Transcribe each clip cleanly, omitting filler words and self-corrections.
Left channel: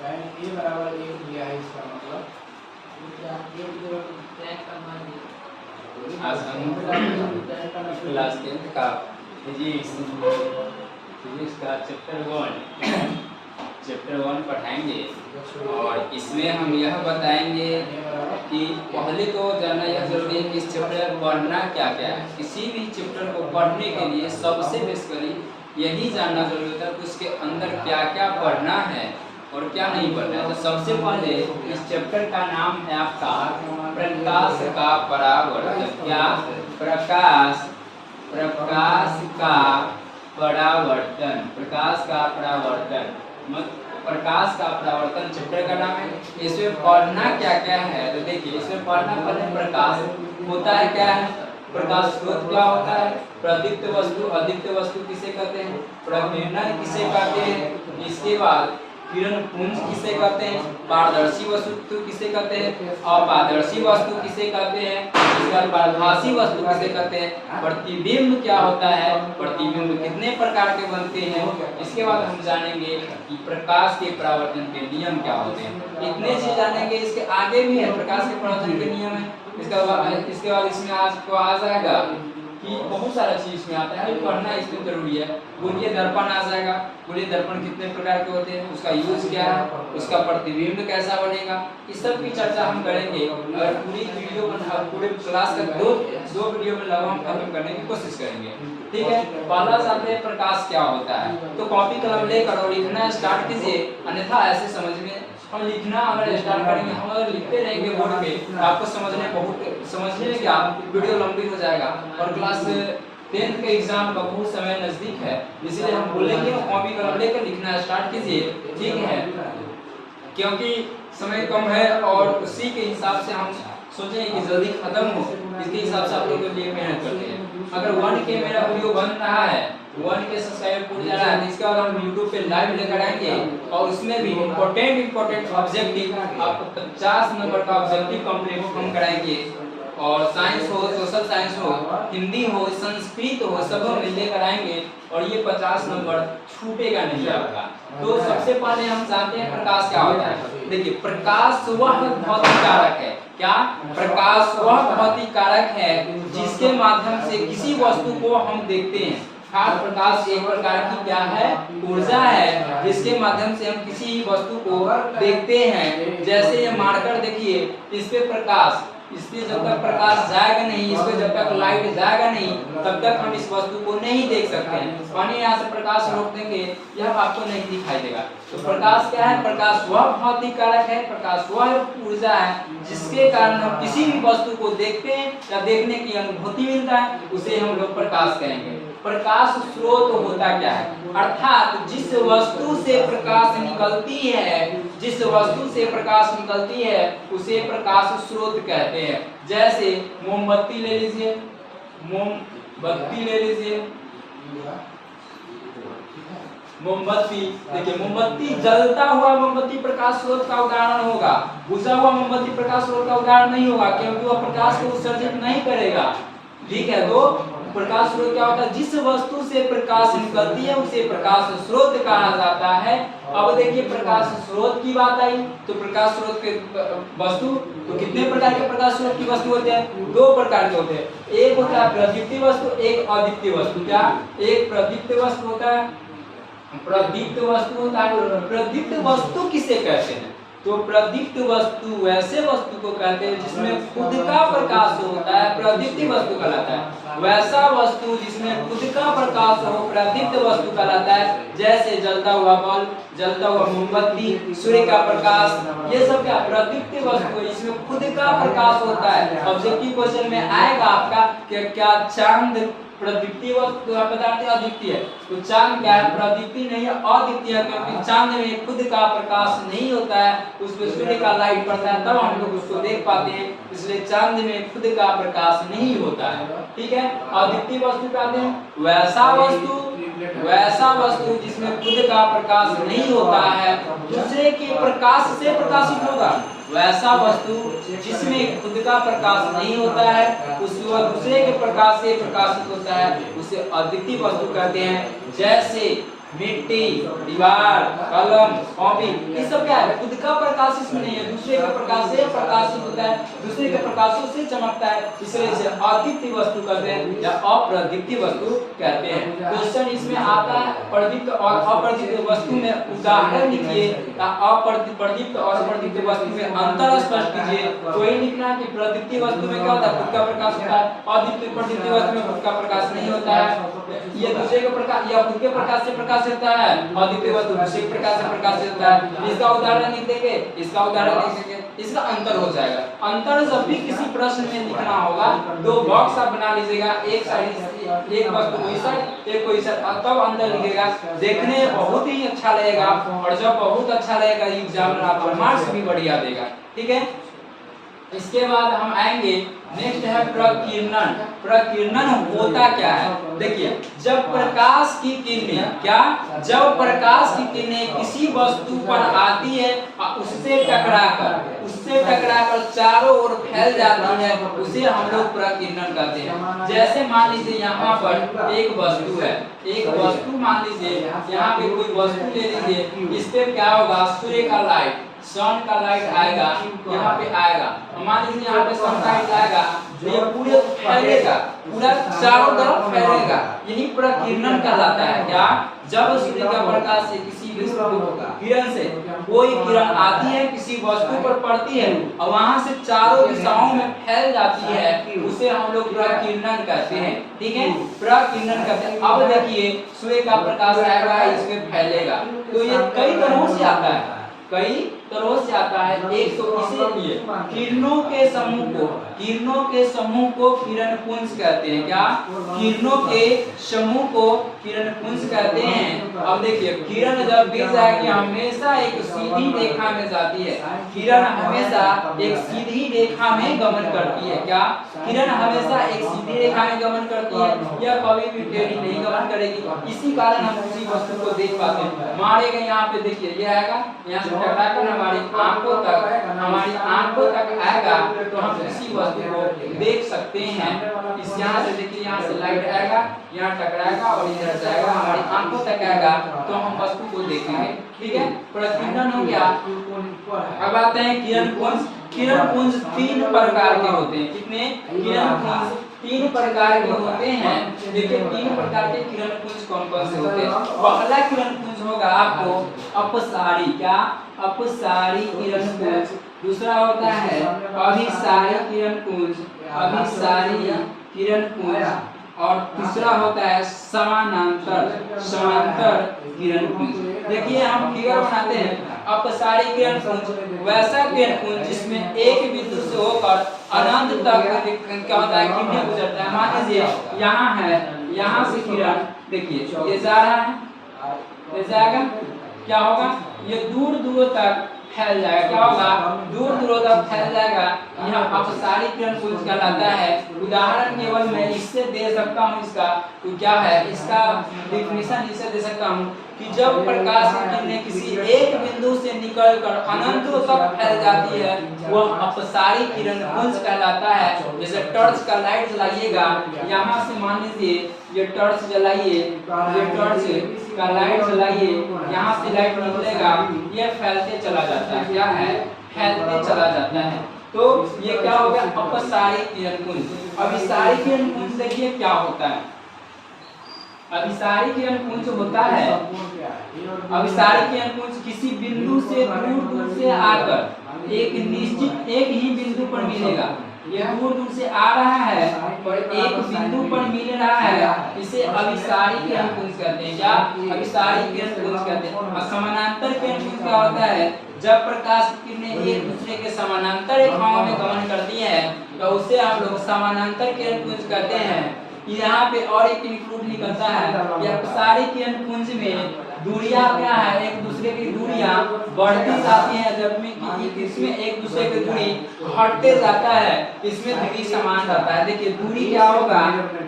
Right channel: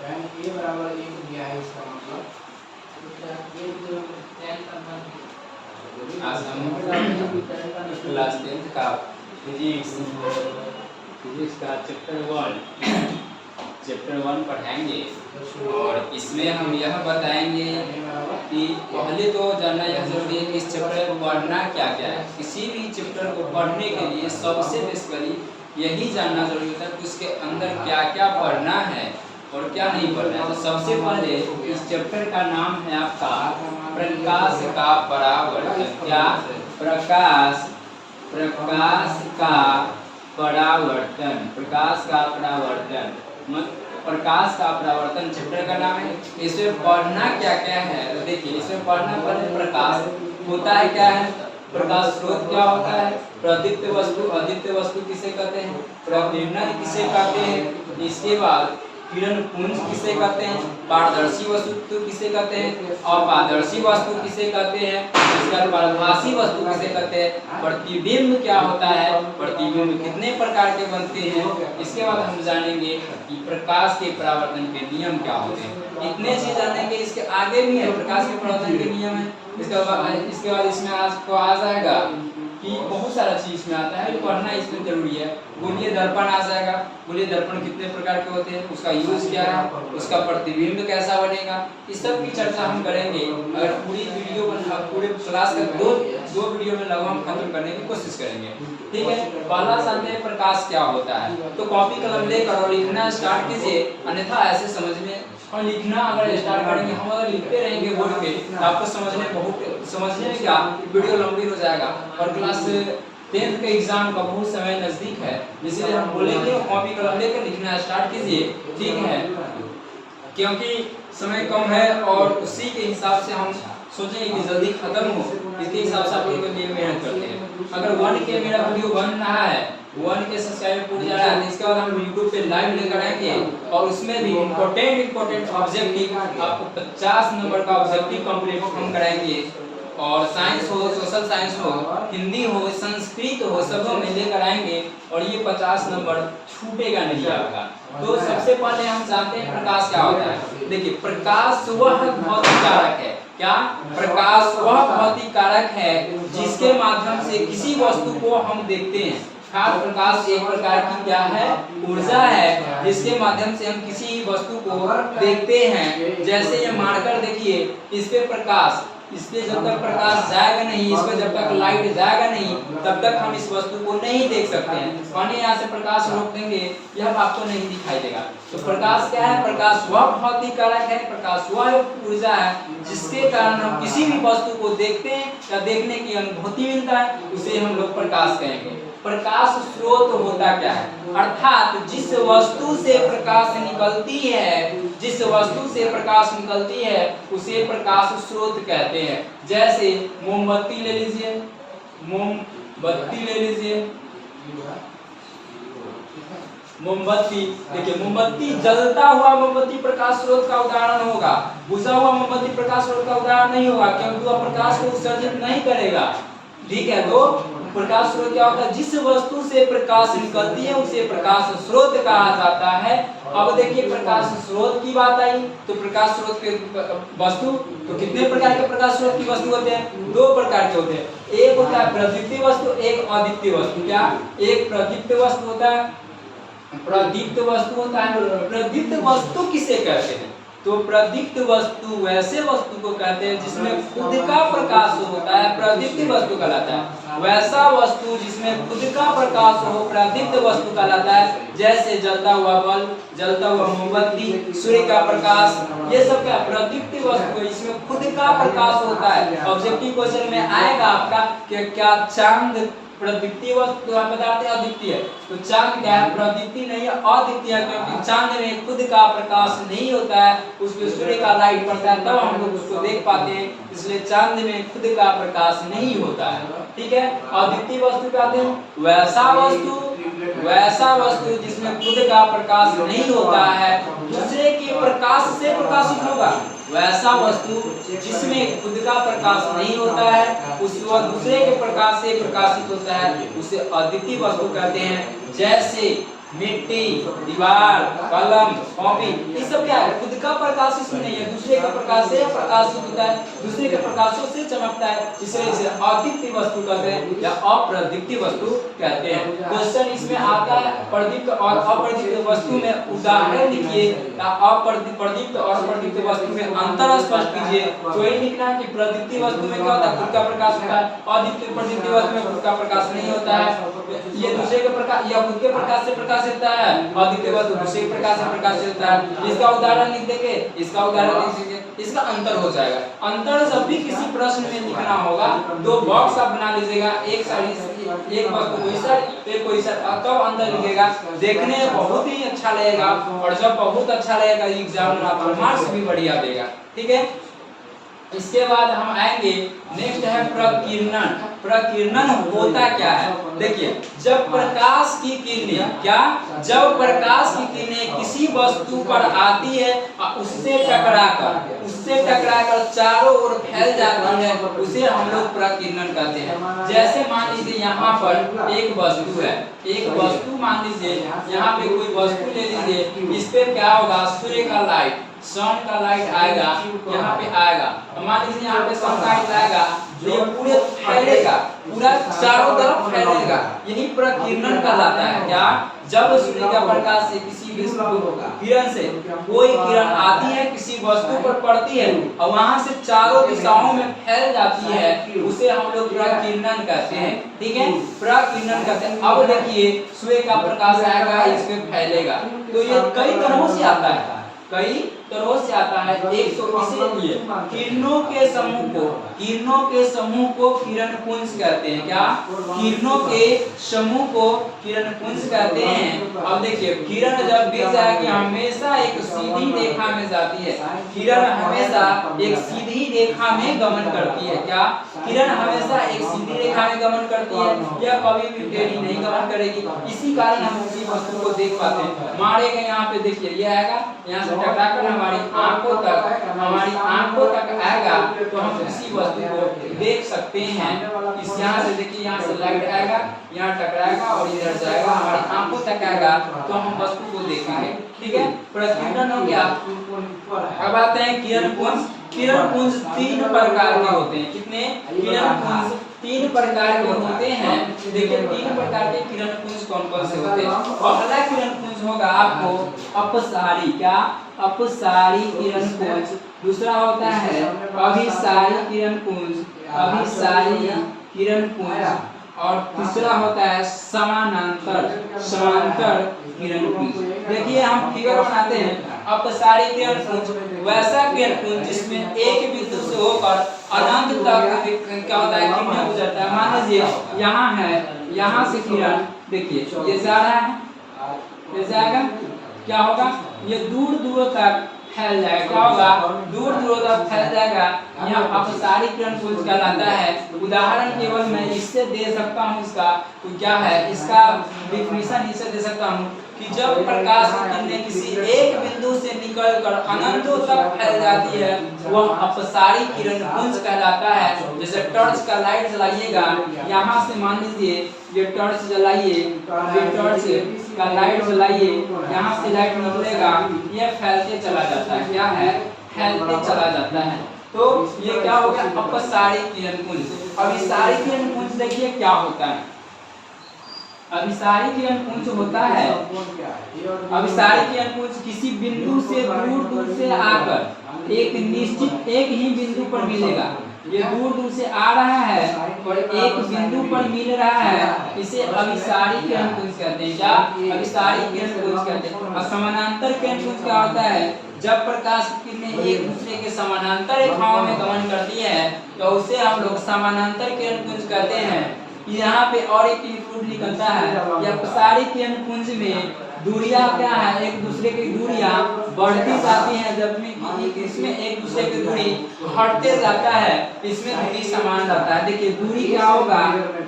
tan A बराबर 1 दिया है, इसका मतलब आज हम क्लास 10th का फिजिक्स का चैप्टर 1 पढ़ाएंगे और इसमें हम यह बताएंगे कि पहले तो जानना यह जरूरी है कि इस चैप्टर में पढ़ना क्या क्या है। किसी भी चैप्टर को पढ़ने के लिए सबसे बेसिकली यही जानना जरूरी होता है कि उसके अंदर क्या क्या पढ़ना है और क्या नहीं पढ़ना है। तो सबसे पहले इस चैप्टर का नाम है आपका प्रकाश का परावर्तन। क्या? प्रकाश का परावर्तन। प्रकाश का परावर्तन, प्रकाश का परावर्तन चैप्टर का नाम है। इसमें पढ़ना क्या क्या है तो देखिए, इसमें पढ़ना पहले प्रकाश होता है क्या है, प्रकाश स्रोत क्या होता है, प्रदीप्त वस्तु, अदीप्त वस्तु किसे कहते हैं, प्रतिबिंब किसे कहते हैं, इसके बाद किरण पुंज किसे कहते हैं, पारदर्शी वस्तु किसे कहते हैं, अपारदर्शी वस्तु किसे कहते हैं, इसके बाद पारभासी वस्तु किसे कहते हैं, प्रतिबिंब क्या होता है, प्रतिबिंब कितने प्रकार के बनते हैं। इसके बाद हम जानेंगे कि प्रकाश के परावर्तन के नियम क्या होते हैं। इतने चीज जानेंगे। इसके आगे भी है प्रकाश के परावर्तन के नियम है। इसके बाद इसमें आपको आ जाएगा कि बहुत सारा चीज इसमें आता है, पढ़ना इसमें जरूरी है। गोलीय दर्पण आ जाएगा, गोलीय दर्पण कितने प्रकार के होते हैं, उसका यूज क्या है, उसका प्रतिबिंब कैसा बनेगा, इस सब की चर्चा हम करेंगे। अगर पूरी वीडियो में पूरे क्लास का दो वीडियो में लगभग हम खत्म करने की कोशिश करेंगे। ठीक है, पहला जानते हैं प्रकाश क्या होता है। तो कॉपी कलम लेकर और लिखना स्टार्ट कीजिए, अन्यथा ऐसे समझ में और लिखना अगर स्टार्ट करेंगे, हम अगर लिखते रहेंगे बोर्ड पे तो आपको समझने में क्या वीडियो लंबी हो जाएगा। और क्लास 10th के एग्जाम का बहुत समय नजदीक है, इसलिए हम बोलेंगे कॉपी कलम लेकर लिखना स्टार्ट कीजिए। ठीक है, क्योंकि समय कम है और उसी के हिसाब से हम सोचेंगे कि जल्दी खत्म हो, इसके हिसाब से आप लोगों के लिए मेहनत करते हैं। अगर 1K मेरा वीडियो बन रहा है, 1K सब्सक्राइबर पूरी जा रहा है, तो इसके बाद हम YouTube पे लाइव लेकर आएंगे और उसमें भी इम्पोर्टेंट ऑब्जेक्टिव आपको 50 नंबर का ऑब्जेक्टिव कंप्लीट हम कराएंगे। और साइंस हो, सोशल साइंस हो, हिंदी हो, संस्कृत हो, सब में लेकर आएंगे और ये 50 नंबर छूटेगा नहीं आपका। तो सबसे पहले हम जानते हैं प्रकाश क्या होता है। देखिए, प्रकाश वह भौतिक कारक है। क्या? प्रकाश वह भौतिक कारक है जिसके माध्यम से किसी वस्तु को हम देखते हैं। प्रकाश एक प्रकार की क्या है, ऊर्जा है, जिसके माध्यम से हम किसी वस्तु को देखते हैं। जैसे ये मार्कर देखिए, इस पे प्रकाश, इस पे जब तक प्रकाश जाएगा नहीं, इस पे जब तक लाइट जाएगा नहीं, तब तक हम इस वस्तु को नहीं देख सकते हैं। मानिए यहाँ से प्रकाश रोक देंगे, यह आपको नहीं दिखाई देगा। तो प्रकाश क्या है? प्रकाश वह भौतिक कारक है, प्रकाश वह ऊर्जा है जिसके कारण हम किसी भी वस्तु को देखते हैं या देखने की अनुभूति मिलता है, उसे हम लोग प्रकाश कहेंगे। प्रकाश स्रोत होता क्या है? अर्थात जिस वस्तु से प्रकाश निकलती है, जिस वस्तु से प्रकाश निकलती है उसे प्रकाश स्रोत कहते हैं। जैसे मोमबत्ती ले लीजिए, मोमबत्ती ले लीजिए, मोमबत्ती देखिए, मोमबत्ती जलता हुआ मोमबत्ती प्रकाश स्रोत का उदाहरण होगा। बुझा हुआ मोमबत्ती प्रकाश स्रोत का उदाहरण नहीं होगा, क्योंकि वह प्रकाश को उत्सर्जित नहीं करेगा। ठीक है, तो प्रकाश स्रोत क्या होता है? जिस वस्तु से प्रकाश निकलती है उसे प्रकाश स्रोत कहा जाता है। अब देखिए, प्रकाश स्रोत की बात आई तो प्रकाश स्रोत के वस्तु, तो कितने प्रकार के प्रकाश स्रोत की वस्तु होते हैं? 2 प्रकार के होते हैं। एक होता है प्रदीप्त वस्तु, एक अदीप्त वस्तु। क्या? एक प्रदीप्त वस्तु होता है, प्रदीप्त वस्तु होता है। प्रदीप्त वस्तु किसे कहते हैं? तो प्रदीप्त वस्तु वैसे वस्तु को कहते हैं जिसमें खुद का प्रकाश होता है, प्रदीप्त वस्तु कहलाता है। वैसा वस्तु जिसमें खुद का प्रकाश हो, प्रदीप्त वस्तु कहलाता है। जैसे जलता हुआ बल्ब, जलता हुआ मोमबत्ती, सूर्य का प्रकाश, ये सब क्या प्रदीप्त वस्तु है, इसमें खुद का प्रकाश होता है। ऑब्जेक्टिव क्वेश्चन में आएगा आपका कि क्या चांद प्रदीप्तीय वस्तु पदार्थ अद्वितीय है? तो चांद क्या है? प्रदीप्तीय नहीं है, अद्वितीय है, क्योंकि चांद में खुद का प्रकाश नहीं होता है, उसमें सूर्य का लाइट पड़ता है तब हम लोग उसको देख पाते हैं, इसलिए चांद में खुद का प्रकाश नहीं होता है। ठीक है, अद्वितीय वस्तु कहते हैं वैसा वस्तु जिसमें खुद का प्रकाश नहीं होता है, दूसरे के प्रकाश से प्रकाशित होगा। वैसा वस्तु जिसमें खुद का प्रकाश नहीं होता है, उस दूसरे के प्रकाश से प्रकाशित होता है, उसे अद्वितीय वस्तु कहते हैं। जैसे मिट्टी, दीवार, कलम, कॉपी, ये सब क्या है? खुद का प्रकाश इसमें नहीं है, दूसरे के प्रकाश से प्रकाशित होता है, दूसरे के प्रकाशों से चमकता है, इसलिए इसे अदीप्य वस्तु कहते हैं या अप्रदीप्ति वस्तु कहते हैं। क्वेश्चन इसमें आता है प्रदीप्त और अप्रदीप्त वस्तु में उदाहरण लिखिए या प्रदीप्त और अप्रदीप्त वस्तु में अंतर स्पष्ट कीजिए। तो ये लिखना है कि प्रदीप्ति वस्तु में क्या होता है? खुद का प्रकाश होता है, अदीप्त प्रदीप्ति वस्तु में खुद का प्रकाश नहीं होता है, ये दूसरे के प्रकाश या खुद के प्रकाश से प्रकाशित होता है, अद्वितीय वस्तु दूसरे के प्रकाश से प्रकाशित होता है। इसका उदाहरण लिख देंगे, इसका उदाहरण लिख देंगे, इसका अंतर हो जाएगा। अंतर जब भी किसी प्रश्न में लिखना होगा, दो बॉक्स आप बना लीजिएगा, एक साइड एक वस्तु कोई साइड एक कोई साइड, तब अंतर लिखेगा, देखने में बहुत ही अच्छा लगेगा और जब बहुत अच्छा लगेगा एग्जामिनर आपको मार्क्स भी बढ़िया देगा। ठीक है, इसके बाद हम आएंगे, नेक्स्ट है प्रकीर्णन। प्रकीर्णन होता क्या है? देखिए, जब प्रकाश की किरणें जब प्रकाश की किरणें किसी वस्तु पर आती है और उससे टकराकर चारों ओर फैल जाती है, उसे हम लोग प्रकीर्णन कहते हैं। जैसे मान लीजिए यहाँ पर एक वस्तु है, एक वस्तु मान लीजिए यहाँ पे कोई वस्तु ले लीजिए, इस पे क्या होगा? सूर्य का लाइट, सन का लाइट आएगा, यहाँ पे आएगा, मान लीजिए यहाँ पे सन का लाइट आएगा, ये पूरे फैलेगा, पूरा चारों तरफ फैलेगा, यही प्रकीर्णन कहलाता है। क्या? जब सूर्य का प्रकाश से किसी किरण से कोई किरण आती है, किसी वस्तु पर पड़ती है और वहां से चारों दिशाओं में फैल जाती है, उसे हम लोग प्रकीर्णन कहते हैं। ठीक है, प्रकीर्णन कहते हैं। अब देखिए, सूर्य का प्रकाश आएगा, इस पे फैलेगा, तो ये कई तरहों से आता है, कई तरह से आता है। एक तो इसीलिए किरणों के समूह को किरण पुंज कहते हैं। क्या? किरणों के समूह को किरण पुंज कहते हैं। अब देखिए, किरण जब भी जाएगी हमेशा एक सीधी रेखा में जाती है, किरण हमेशा एक सीधी रेखा में गमन करती है। क्या? किरण हमेशा एक सीधी रेखा में गमन करती है, यह कभी भी टेढ़ी नहीं गमन करेगी। इसी कारण हम किसी वस्तु को देख पाते हैं। मारेगा यहाँ पे, देखिए ये आएगा, यहाँ से टकराकर हमारी आंखों तक आएगा, तो हम किसी वस्तु को देख सकते हैं। इस यहाँ से देखिए, यहाँ से लाइट आएगा, यहाँ टकराएगा और इधर जाएगा, हमारी आंखों तक आएगा, तो हम वस्तु को देखेंगे। ठीक है, प्रकीर्णन हो गया। अब आते हैं किरण पुंज। किरण पुंज तीन प्रकार के होते हैं। कितने? किरण पुंज तीन प्रकार के होते हैं। देखिए, तीन प्रकार के किरण पुंज कौन कौन से होते हैं? पहला किरण पुंज होगा आपको अपसारी। क्या? अपसारी किरण पुंज। दूसरा होता है अभिसारी किरण पुंज, अभिसारी किरण पुंज, और तीसरा होता है समानांतर किरण पुंज। देखिए, हम फिगर बनाते हैं। अपसारी किरण पुंज वैसा किरण पुंज जिसमें एक बिंदु से होकर अनंत तक क्या होता है? किरणें गुजरता है। मान लीजिए यहाँ है, यहाँ से किरण, देखिए ये जा रहा है, ये जाएगा, क्या होगा? ये दूर दूर तक फैल जाएगा। क्या होगा? दूर दूर तक फैल जाएगा। यह अपसारी किरण पुंज कहलाता है। उदाहरण केवल मैं इससे दे सकता हूँ, इसका तो क्या है, इसका डिफिनीशन इससे दे सकता हूँ कि जब प्रकाश की किरणें किसी एक बिंदु से निकलकर अनंतों तक फैल जाती है, वह अपसारी किरण पुंज कहलाता है। जैसे टॉर्च का लाइट जलाइएगा, यहाँ से मान लीजिए ये टॉर्च जलाइए, ये टॉर्च का लाइट जलाइए, यहाँ से लाइट निकलेगा, ये फैलते चला जाता है। क्या है? फैलते चला जाता है। तो ये क्या हो गया? अपसारी किरण पुंज। अभिसारी किरण पुंज देखिए क्या होता है। अभिसारी किरण पुंज होता है, अभिसारी किरण पुंज किसी बिंदु से दूर दूर से आकर एक निश्चित एक ही बिंदु पर मिलेगा। ये दूर दूर से आ रहा है और एक बिंदु पर मिल रहा है, इसे अभिसारी किरण पुंज कहते हैं। क्या? अभिसारी किरण पुंज कहते हैं। और समानांतर किरण पुंज क्या होता है? जब प्रकाश की किरणें एक दूसरे के समानांतर रेखाओं में गमन करती है, तो उसे हम लोग समानांतर किरण पुंज कहते हैं। यहाँ पे और एक इंक्लूड निकलता है, या अपसारी किरण पुंज में दूरियां क्या है? एक दूसरे की दूरियां बढ़ती जाती हैं, जबकि इसमें एक दूसरे की दूरी घटते जाता है, इसमें दूरी समान रहता है। देखिए दूरी क्या होगा?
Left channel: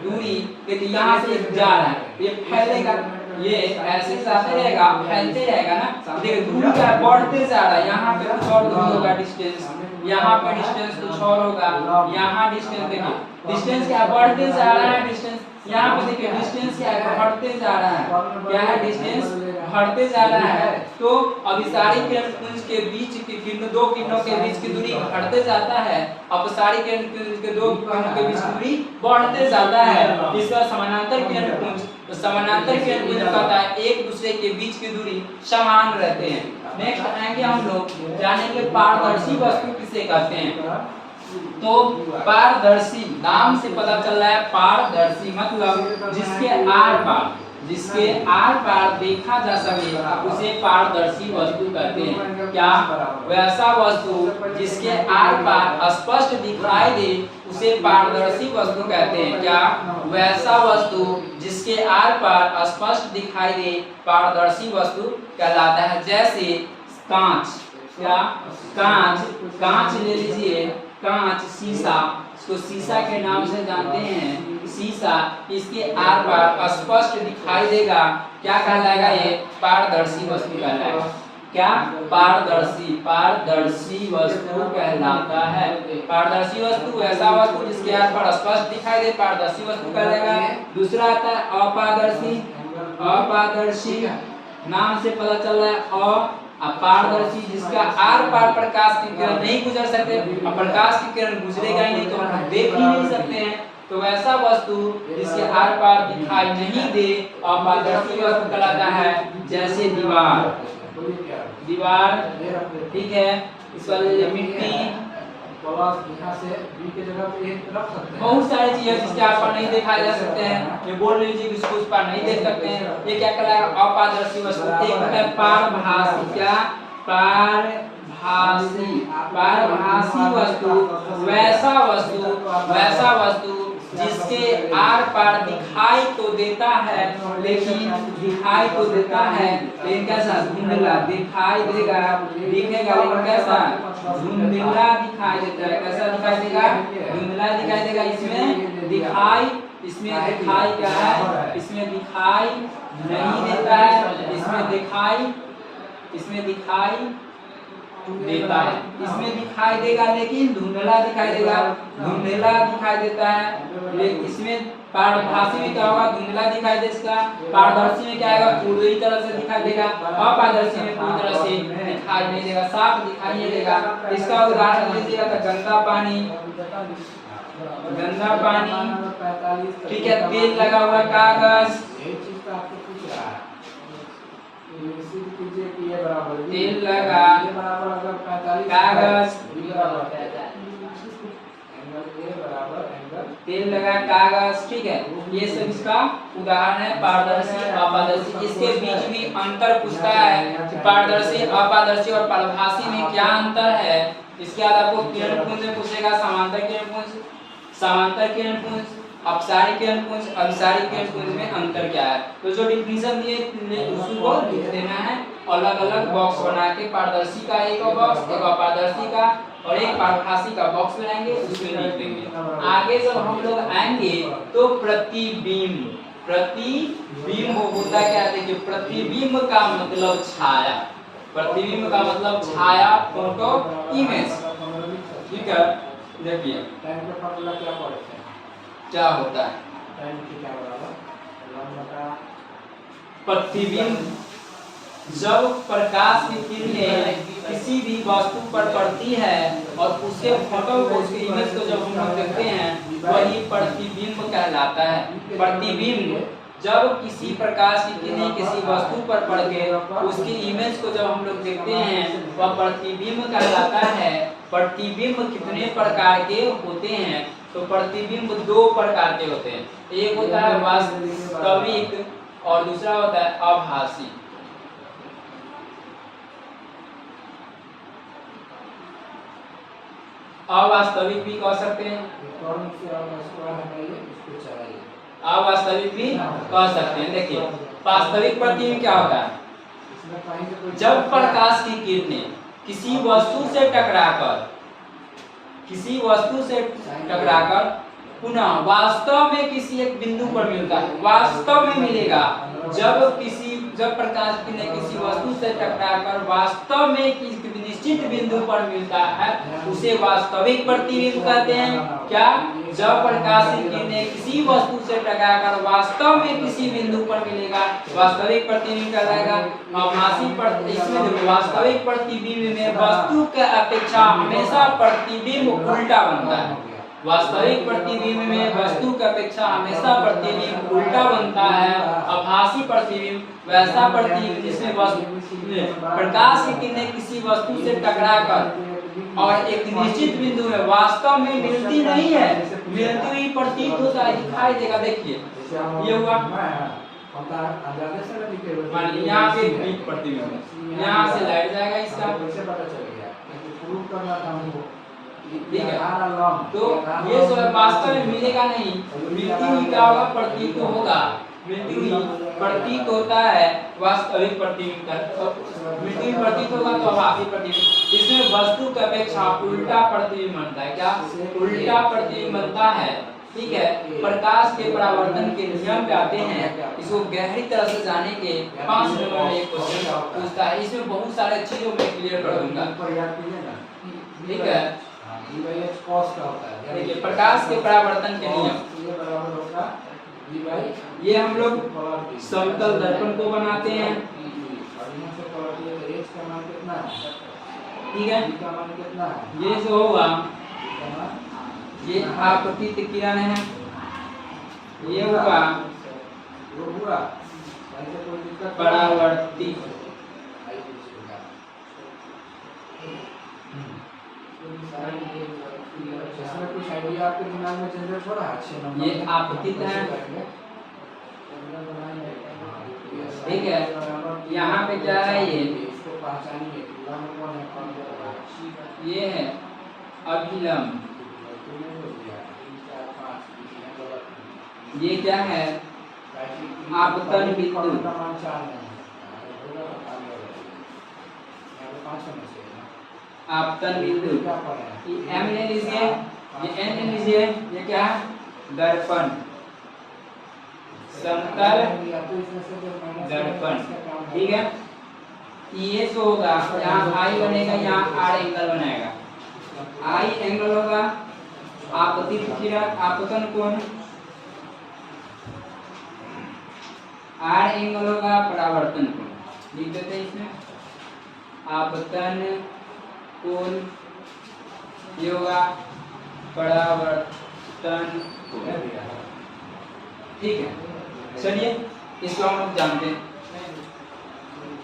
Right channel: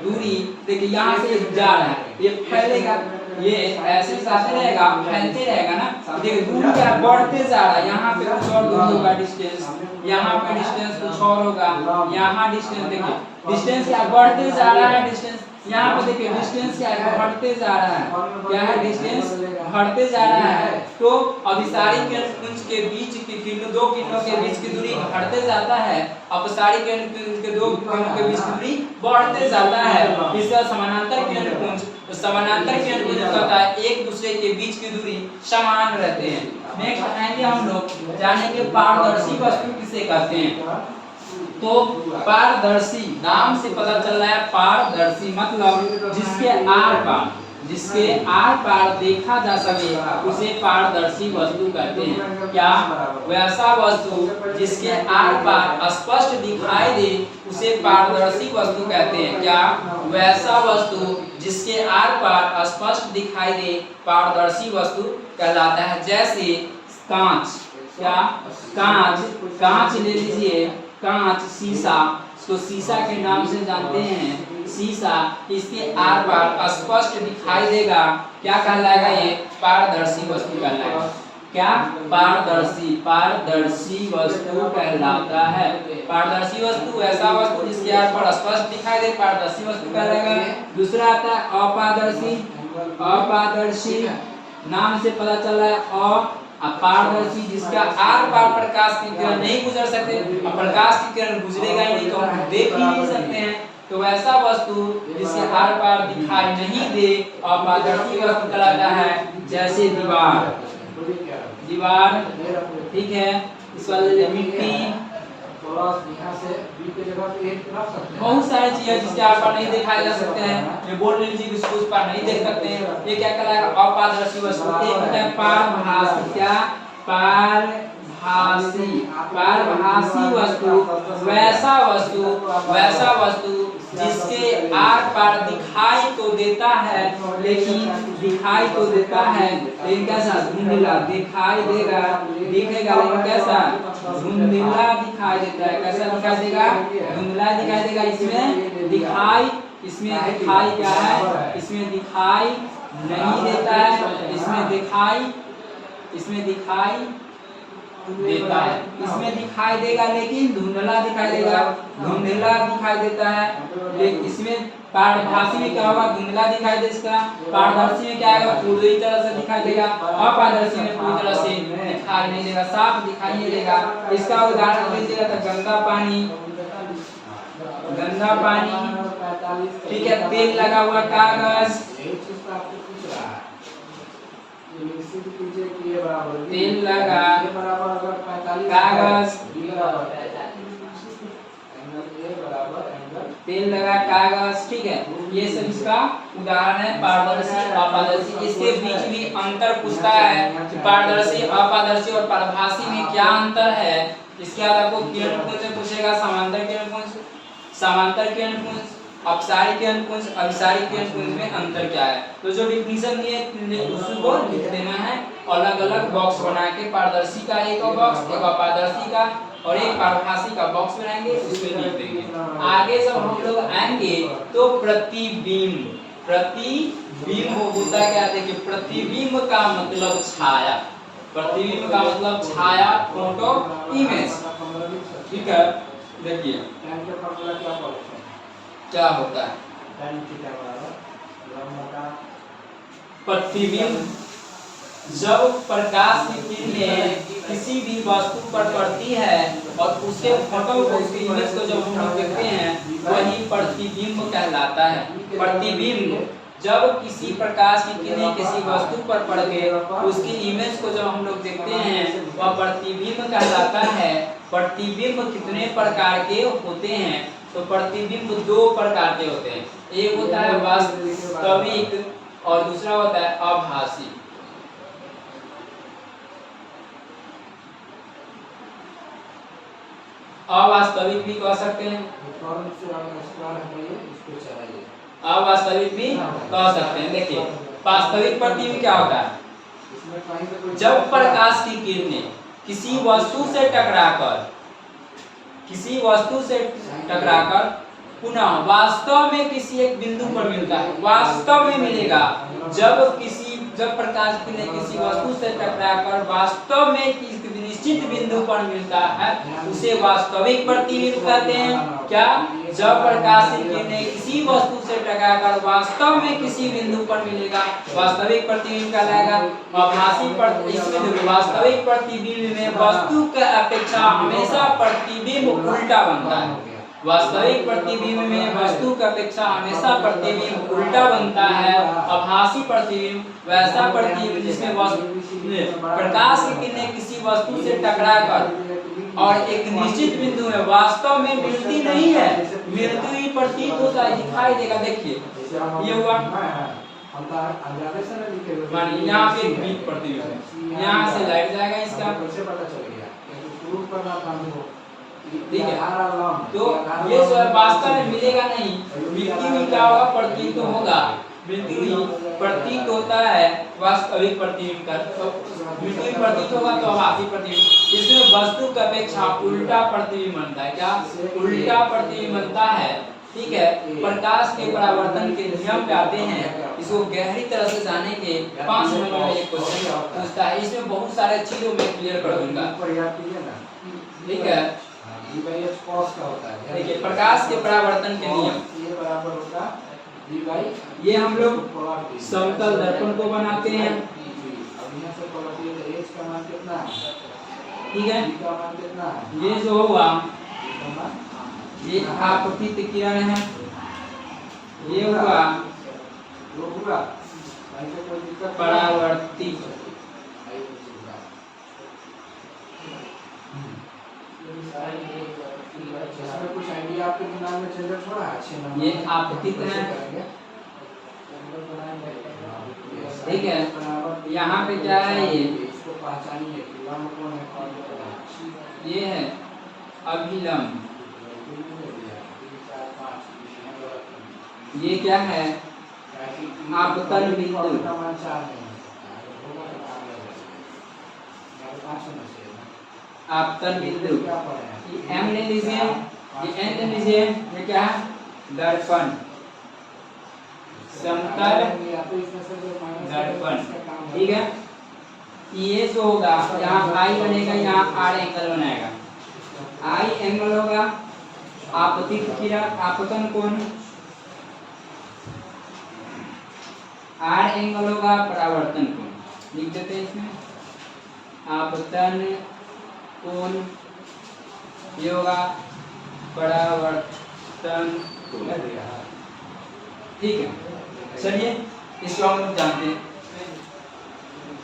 दूरी देखिए यहाँ से एक जा रहा है, ये फैलेगा, ये ऐसे जाते रहेगा, फैलते रहेगा ना। देखिए दूरी क्या बढ़ते जा रहा है, यहाँ पे कुछ और दूरी होगा डिस्टेंस, यहाँ पे डिस्टेंस कुछ और होगा, यहाँ डिस्टेंस देखिए डिस्टेंस क्या बढ़ते जा रहा है, डिस्टेंस यहाँ पे देखिए डिस्टेंस क्या है, बढ़ते जा रहा है। क्या है, डिस्टेंस बढ़ते जा रहा है। तो अभिसारी किरण पुंज के बीच की किरण, दो किरणों के बीच की दूरी घटते जाता है, अपसारी किरण पुंज के दो किरणों के बीच की दूरी बढ़ते जाता है। इसका समानांतर किरण पुंज, तो समानांतर किरण पुंज कहता है एक दूसरे के बीच की दूरी समान रहते हैं। नेक्स्ट आएंगे हम लोग जानेंगे पारदर्शी वस्तु किसे कहते हैं। तो पारदर्शी नाम से पता चल रहा है, पारदर्शी मतलब जिसके आर पार देखा जा सके उसे पारदर्शी वस्तु कहते हैं। क्या, वैसा वस्तु जिसके आर पार स्पष्ट दिखाई दे उसे पारदर्शी वस्तु कहते हैं। क्या, वैसा वस्तु जिसके आर पार स्पष्ट दिखाई दे पारदर्शी वस्तु कहलाता है। जैसे कांच, क्या, कांच ले लीजिए, कांच, शीशा, तो शीशा के नाम से जानते हैं। शीशा इसके आर पार स्पष्ट दिखाई देगा, क्या कहलाएगा, ये पारदर्शी वस्तु कहलाएगा। क्या, पारदर्शी वस्तु कहलाता है। पारदर्शी वस्तु ऐसा वस्तु जिसके आर पार स्पष्ट दिखाई दे, पारदर्शी वस्तु कहलाएगा। दूसरा आता है अपारदर्शी नाम से पता चल रहा है। पारदर्शी जिसका आर पार प्रकाश की किरण नहीं गुजर सकते, और प्रकाश की किरण गुजरेगा ही नहीं तो हम देख ही नहीं सकते हैं। तो वैसा वस्तु जिसके आर पार दिखाई नहीं दे अपारदर्शी वस्तु कहलाता है। जैसे दीवार, ठीक है, इस वाले मिट्टी, बहुत सारी चीजें जिसके आर पार नहीं दिखाई जा सकते हैं। ये बोर्ड लीजिए, इसको उस पार नहीं देख सकते हैं, ये क्या कहलाएगा, अपारदर्शी वस्तु। एक होता है पारभासी, क्या, पारभासी वस्तु, वैसा वस्तु जिसके आर पार दिखाई तो देता है, लेकिन कैसा, धुंधला दिखाई देगा, दिखेगा लेकिन कैसा, धुंधला दिखाई देता है। कैसा दिखाई देगा, धुंधला दिखाई देगा। इसमें दिखाई क्या है, इसमें दिखाई नहीं देता है, इसमें दिखाई देता है, इसमें दिखाई देगा लेकिन धुंधला दिखाई देता है। लेकिन इसमें पारभासी में क्या होगा, धुंधला दिखाई देगा। पारदर्शी में क्या आएगा, पूरी तरह से दिखाई देगा। अपारदर्शी में पूरी तरह से दिखाई नहीं देगा, साफ दिखाई नहीं देगा। इसका उदाहरण लीजिएगा तो गंदा पानी, ठीक है, तेल लगा हुआ कागज, तेल लगा कागज, ठीक है, ये सब इसका उदाहरण है। पारदर्शी, अपारदर्शी, इसके बीच भी अंतर पूछता है कि पारदर्शी, अपारदर्शी और पारभासी में क्या अंतर है। इसके बाद आपको किरण पुंज पूछेगा, समांतर किरण पुंज, अपसारी किरण पुंज, अभिसारी किरण पुंज में अंतर क्या है। तो जो डिफिनीशन दिए उसको लिख देना है, अलग अलग बॉक्स बना के, पारदर्शी का एक बॉक्स, एक अपारदर्शी का और एक पारभासी का बॉक्स बनाएंगे, उसमें लिख देंगे। आगे जब हम लोग आएंगे तो प्रतिबिंब होता क्या, देखिए, प्रतिबिंब का मतलब छाया, फोटो, इमेज, ठीक है। देखिए क्या होता है, प्रतिबिंब जब प्रकाश की किरणें किसी भी वस्तु पर पड़ती है और उसके फोटो को, उसके इमेज को जब हम लोग देखते हैं, वही प्रतिबिंब कहलाता है। प्रतिबिंब जब किसी प्रकाश की किरणें किसी वस्तु पर पड़ के उसकी इमेज को जब हम लोग देखते हैं, वह प्रतिबिंब कहलाता है। प्रतिबिंब कितने प्रकार के होते हैं, तो प्रतिबिंब दो प्रकार के होते हैं। एक होता है वास्तविक और दूसरा होता है आभासी। अवास्तविक भी कह सकते हैं, अवास्तविक भी कह सकते हैं। देखिए, वास्तविक प्रतिबिंब क्या होता है, जब प्रकाश की किरणें किसी वस्तु से टकराकर पुनः वास्तव में किसी एक बिंदु पर मिलता है, वास्तव में मिलेगा। जब प्रकाश की किरणें किसी वस्तु से टकराकर वास्तव में किसी निश्चित बिंदु पर मिलता है उसे वास्तविक प्रतिबिंब कहते हैं। क्या? जब प्रकाश की किरणें किसी वस्तु से टकराकर वास्तव में किसी बिंदु पर मिलेगा, वास्तविक प्रतिबिंब कहलाएगा। इसमें देखो, वास्तविक प्रतिबिंब में वस्तु की अपेक्षा हमेशा प्रतिबिंब उल्टा बनता है। वास्तविक प्रतिबिंब में वस्तु की अपेक्षा हमेशा प्रतिबिंब उल्टा बनता है। आभासी प्रतिबिंब वैसा प्रतिबिंब जिसमें प्रकाश की किरणें किसी वस्तु से टकराकर और एक निश्चित बिंदु में वास्तव में मिलती नहीं है, मिलती हुई प्रतीत होता है, दिखाई देगा। देखिए ये हुआ, मानिए यहाँ पे बीप प्रतिबिंब है, यहाँ से लाइट जाएगा इसका, ठीक है। तो ये जो है वास्तव में मिलेगा नहीं, मिलती हुई क्या होगा? प्रतीत होगा, मिलती हुई प्रतीत होता है वास्तविक प्रतिबिंब का। मिलती हुई प्रतीत होगा तो आभासी प्रतिबिंब। इसमें वस्तु की अपेक्षा उल्टा प्रतिबिंब बनता है। क्या? उल्टा प्रतिबिंब बनता है, ठीक है। प्रकाश के परावर्तन के नियम पे आते हैं। इसको गहरी तरह से जाने के 5 नंबर में एक क्वेश्चन पूछता है। इसमें बहुत सारे चीजों में क्लियर कर दूंगा, ठीक है। देखिए प्रकाश के परावर्तन के नियम, ये हम लोग समतल दर्पण को बनाते हैं, ठीक है। ये जो होगा ये आपतित किरण है, ये होगा परावर्तित। कुछ आइडिया आपके दिमाग में चल थोड़ा अच्छे नंबर ये आपतित है, ठीक है। यहाँ पे क्या है? इसको पहचानिए, ये है अभिलंब, ये क्या है? आपतन बिंदु, आपतन बिंदु। एम ले लीजिए, ये एन ले लीजिए, ये क्या है? दर्पण, समतल दर्पण, ठीक है। ये जो होगा यहाँ आई बनेगा, यहाँ आर एंगल बनाएगा, आई एंगल होगा आपतित किरण, आपतन कोण, आर एंगल होगा परावर्तन कोण। लिख देते हैं इसमें आपतन कोण, ये होगा परावर्तन कोण, ठीक है। चलिए इसको हम लोग जानते हैं।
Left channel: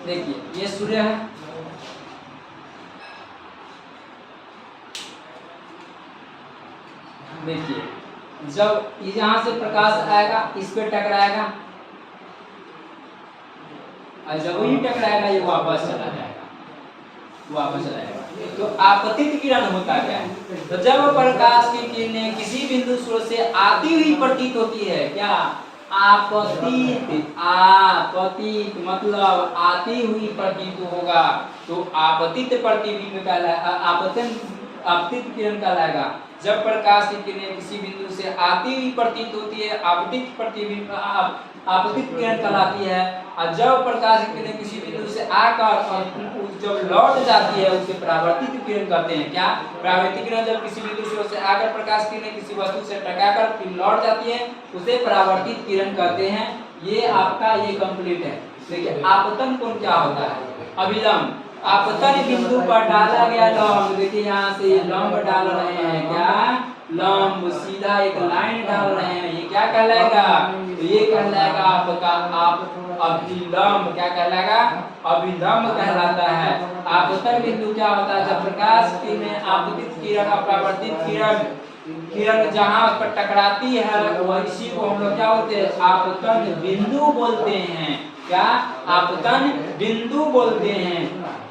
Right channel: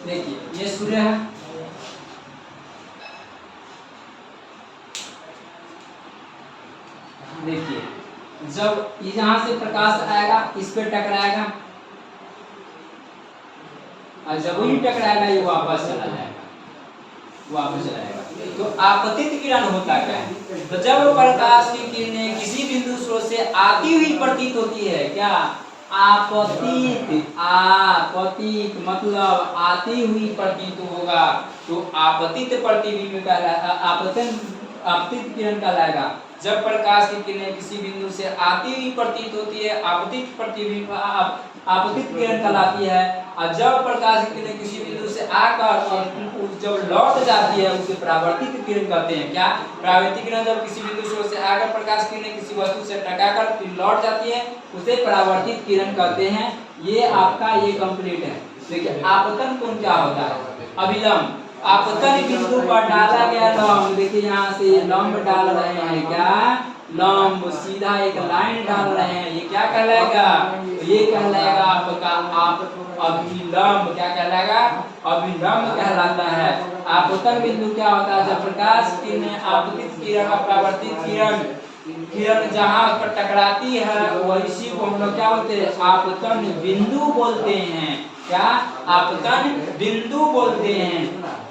देखिए ये सूर्य है, देखिए जब यहाँ से प्रकाश आएगा इस पे टकराएगा, और जब ही टकराएगा ये वापस चला जाएगा, वापस चला जाएगा। तो आपतित किरण होता क्या है? तो जब प्रकाश की किरणें किसी बिंदु स्रोत से आती हुई प्रतीत होती है, क्या? आपतित, आपतित मतलब आती हुई प्रतीत होगा, तो आपतित प्रतिबिंब कहलाएगा, आपतित किरण कहलाएगा। जब प्रकाश की किरणें किसी बिंदु से आती हुई प्रतीत होती है, आपतित प्रतिबिंब आपतित किरण कहलाती है। और जब प्रकाश की किरणें किसी बिंदु से आकर जब लौट जाती है उसे परावर्तित किरण कहते हैं। क्या? परावर्तित किरण जब किसी बिंदु से आकर प्रकाश की किरणें किसी वस्तु से टकराकर फिर लौट जाती है उसे परावर्तित किरण कहते हैं। ये आपका ये कंप्लीट है। देखिए आपतन कोण क्या होता है? अभिलंब, आपतन बिंदु पर डाला गया लंब, देखिए यहाँ से लंब डाल रहे हैं, क्या? लंब, सीधा एक लाइन डाल रहे हैं, ये क्या कहलाएगा? ये कहलाएगा आपका आप अभिलंब। क्या कहलाएगा? अभिलंब कहलाता है। आपतन बिंदु क्या होता है? जब प्रकाश किरणें आपतित किरण और परावर्तित किरण जहाँ पर टकराती है वह इसी को हम लोग क्या बोलते हैं? आपतन बिंदु बोलते हैं। क्या? आपतन बिंदु बोलते हैं।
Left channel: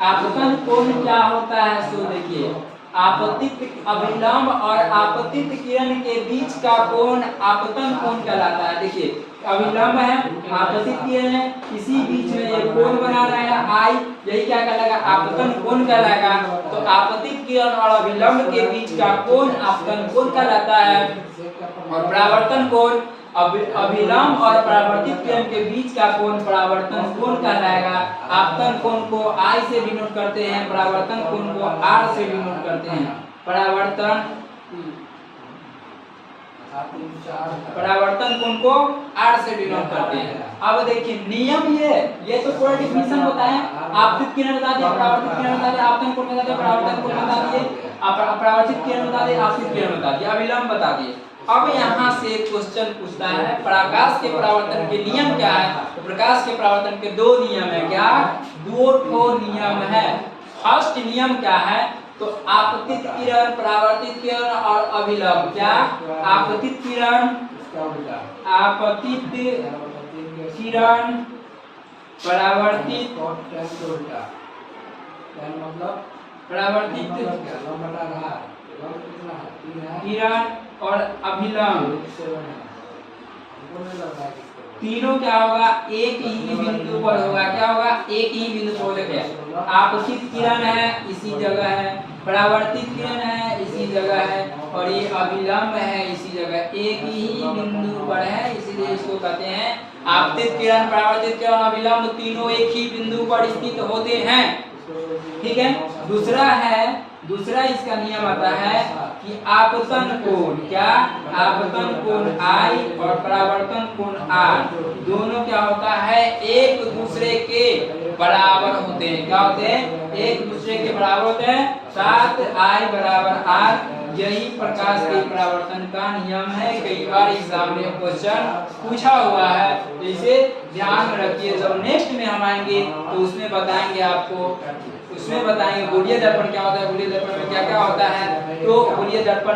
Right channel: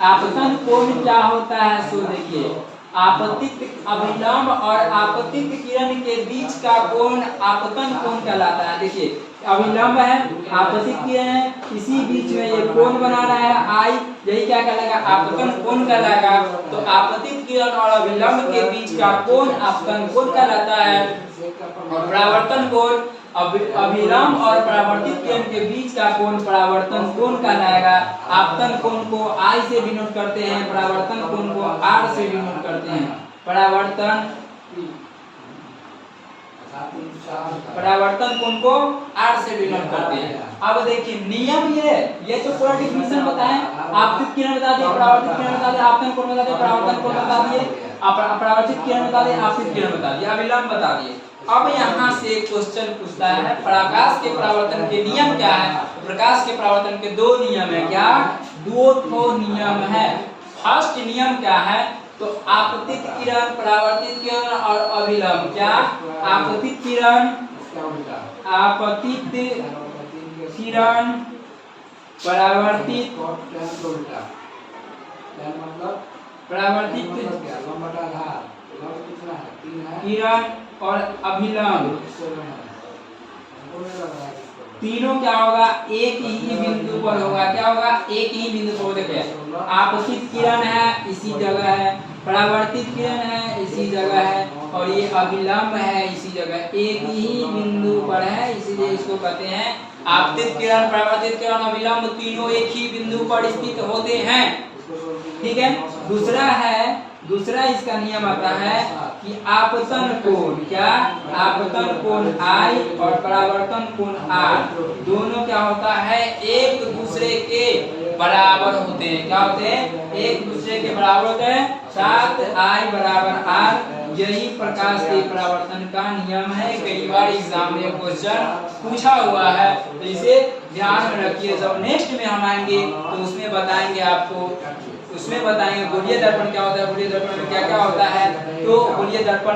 आपतन कोण क्या होता है? सो देखिए आपतित अभिलंब और आपतित किरण के बीच का कोण आपतन कोण कहलाता है। देखिए अभिलंब है, आपतित किरण है, इसी बीच में ये कोण बना रहा है आई, यही क्या कहलाएगा? आपतन कोण कहलाएगा। तो आपतित किरण और अभिलंब के बीच का कोण आपतन कोण कहलाता है। और परावर्तन कोण अभिलंब और परावर्तित किरण के बीच का कोण परावर्तन कोण कहलाएगा। आपतन कोण को I से डिनोट करते हैं, परावर्तन कोण को R से डिनोट करते हैं। परावर्तन कोण को R से डिनोट करते हैं। अब देखिए नियम ये तो पूरा डिफिनेशन बताएं। आपतित किरण बता दिए, परावर्तित किरण बता दिए, आपतन कोण बता दिए, परावर्तन कोण बता दिए, परावर्तित किरण बता दिए, आपतित किरण बता दिए, अभिलंब बता दिए। अब यहाँ से क्वेश्चन पूछता है प्रकाश के परावर्तन के नियम क्या है। तो प्रकाश के परावर्तन के दो नियम है। क्या? दो ठो नियम है। फर्स्ट नियम क्या है? तो आपतित किरण, परावर्तित किरण और अभिलंब। क्या? आपतित किरण, आपतित किरण, परावर्तित परावर्तित किरण और अभिलंब तीनों क्या होगा? एक ही बिंदु पर होगा। क्या होगा? एक ही बिंदु पर। देखिए आपतित किरण है इसी जगह है, परावर्तित किरण है इसी जगह है, और ये अभिलंब है इसी जगह, एक ही बिंदु पर है, इसलिए इसको कहते हैं आपतित किरण, परावर्तित किरण, अभिलंब तीनों एक ही बिंदु पर स्थित होते हैं। ठीक है। दूसरा इसका नियम आता है कि आपतन कोण, क्या? आपतन कोण I और परावर्तन कोण R दोनों क्या होता है? एक दूसरे के बराबर होते हैं। क्या होते हैं? एक दूसरे के बराबर होते हैं। 7I बराबर R यही प्रकाश के परावर्तन का नियम है। कई बार एग्जाम में क्वेश्चन पूछा हुआ है, तो इसे ध्यान में रखिए। जब नेक्स्ट में हम आएंगे तो उसमें बताएंगे आपको, उसमें बताएंगे गोलीय दर्पण क्या होता है, गोलीय दर्पण में क्या क्या होता है, तो गोलीय दर्पण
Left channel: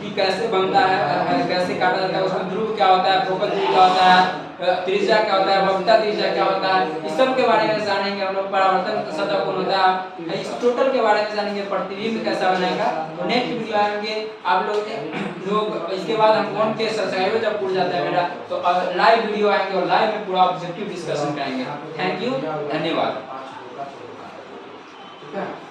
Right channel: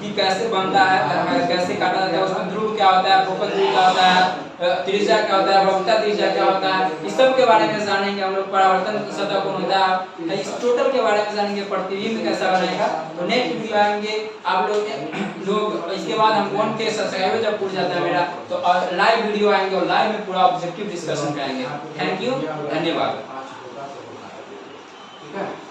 की कैसे बनता है, कैसे काटा जाता है, उसमें ध्रुव क्या होता है, फोकस ध्रुव क्या होता है, त्रिज्या क्या होता है, वक्रता त्रिज्या क्या होता है, इस सब के बारे में जानेंगे हम लोग। परावर्तन सतह कोण होता है, इस टोटल के बारे में जानेंगे। प्रतिबिंब कैसा बनाएगा, तो नेक्स्ट वीडियो आएंगे आप लोग इसके बाद हम कौन के सब्सक्राइबर जब पूछ जाता है मेरा, तो लाइव वीडियो आएंगे और लाइव में पूरा ऑब्जेक्टिव डिस्कशन करेंगे। थैंक यू, धन्यवाद। ठीक है।